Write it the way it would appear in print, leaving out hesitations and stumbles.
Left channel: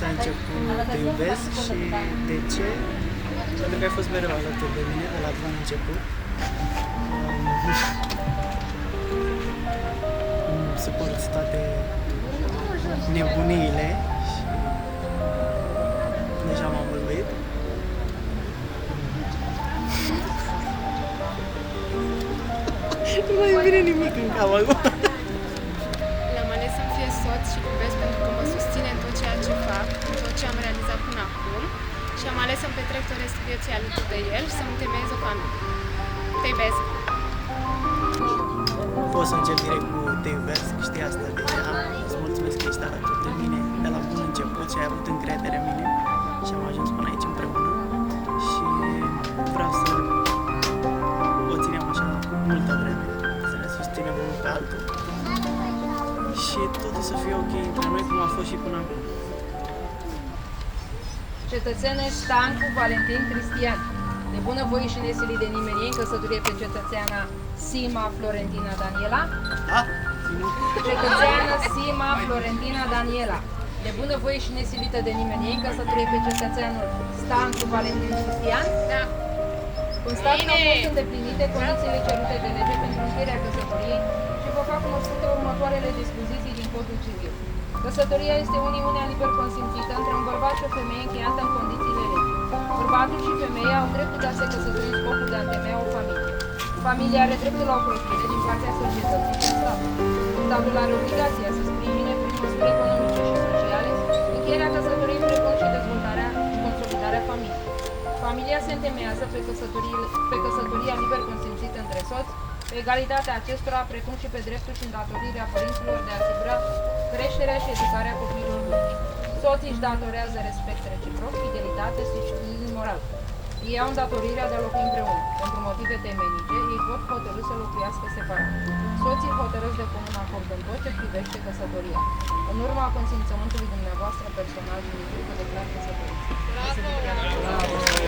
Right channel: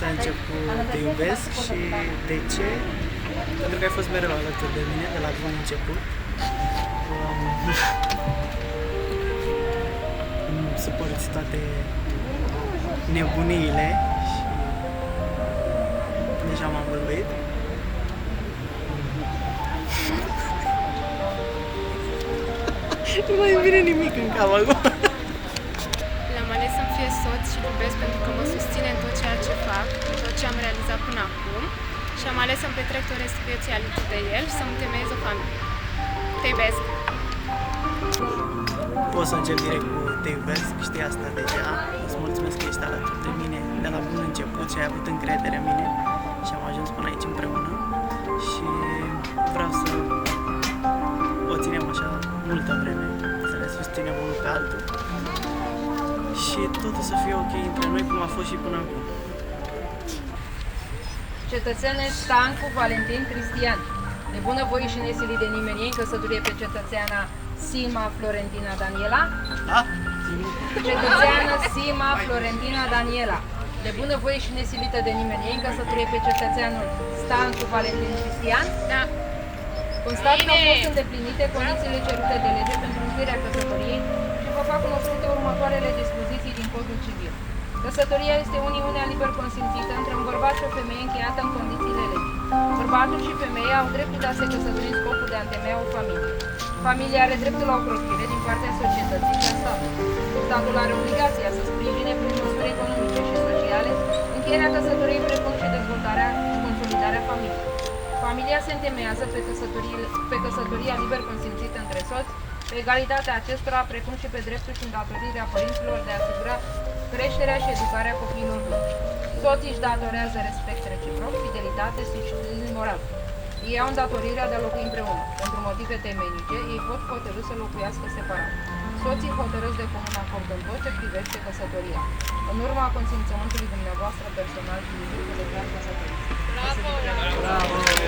să încep cu Te iubesc și de ce? Pentru că ai fost mereu alături de mine de la bun început. Îmi suporți toate nebuniile și deja m-am bălbuit. Nu mai vine nimic în cap acum. L-am ales să-mi fie soț și iubesc pentru că mă susține în tot ceea ce fac, în tot ce am realizat până acum și am ales să-mi petrec tot restul vieții alături de el și să-mi temeiez o familie. Te iubesc! Pot să încep direct cu Te iubesc, știi asta deja. Îți mulțumesc că ești alături de mine de la bun început și ai avut încredere în mine și am ajuns până aici împreună și vreau să o ținem așa multă vreme, să ne susținem unul pe altul și totul să fie ok între noi cum a fost și până acum. Cetățene Stancu Valentin Cristian, de bunăvoie și nesilit de nimeni, în căsătorie pe cetățeana Sima Florentina Daniela. Da? Cetățeană Sima Florentina Daniela, de bunăvoie și nesilită de nimeni, în căsătorie pe cetățeanul Stancu Valentin Cristian. Da! Constat că au fost îndeplinite condițiile cerute de lege pentru încheierea căsătoriei și vă fac cunoscute următoarele dispoziții din Codul Civil. Căsătoria este uniunea liber consimțită între un bărbat și o femeie încheiată în condițiile legii. Bărbatul și femeia au dreptul de a se căsători în scopul de a întemeia o familie. Familia are dreptul la ocrotire din partea societății și a statului. Statul are obligația să sprijine prin măsuri economice și sociale încheierea căsătoriei precum și dezvoltarea și consolidarea familiei. Familia se întemeiază pe căsătoria liber consimțită între soți, pe egalitatea acestora, precum și pe dreptul și îndatorirea părinților de a asigura creșterea și educarea copiilor lor. Soții își datorează respect reciproc, fidelitate și sprijin moral. Ei au îndatorirea de a locui împreună. Pentru motive temenice, ei pot hotărî să locuiască separat. Soții hotărăsc de comun acord în tot ce privește căsătoria. În urma consimțământului dumneavoastră personal și liber, vă declar căsătoriți. Bravo!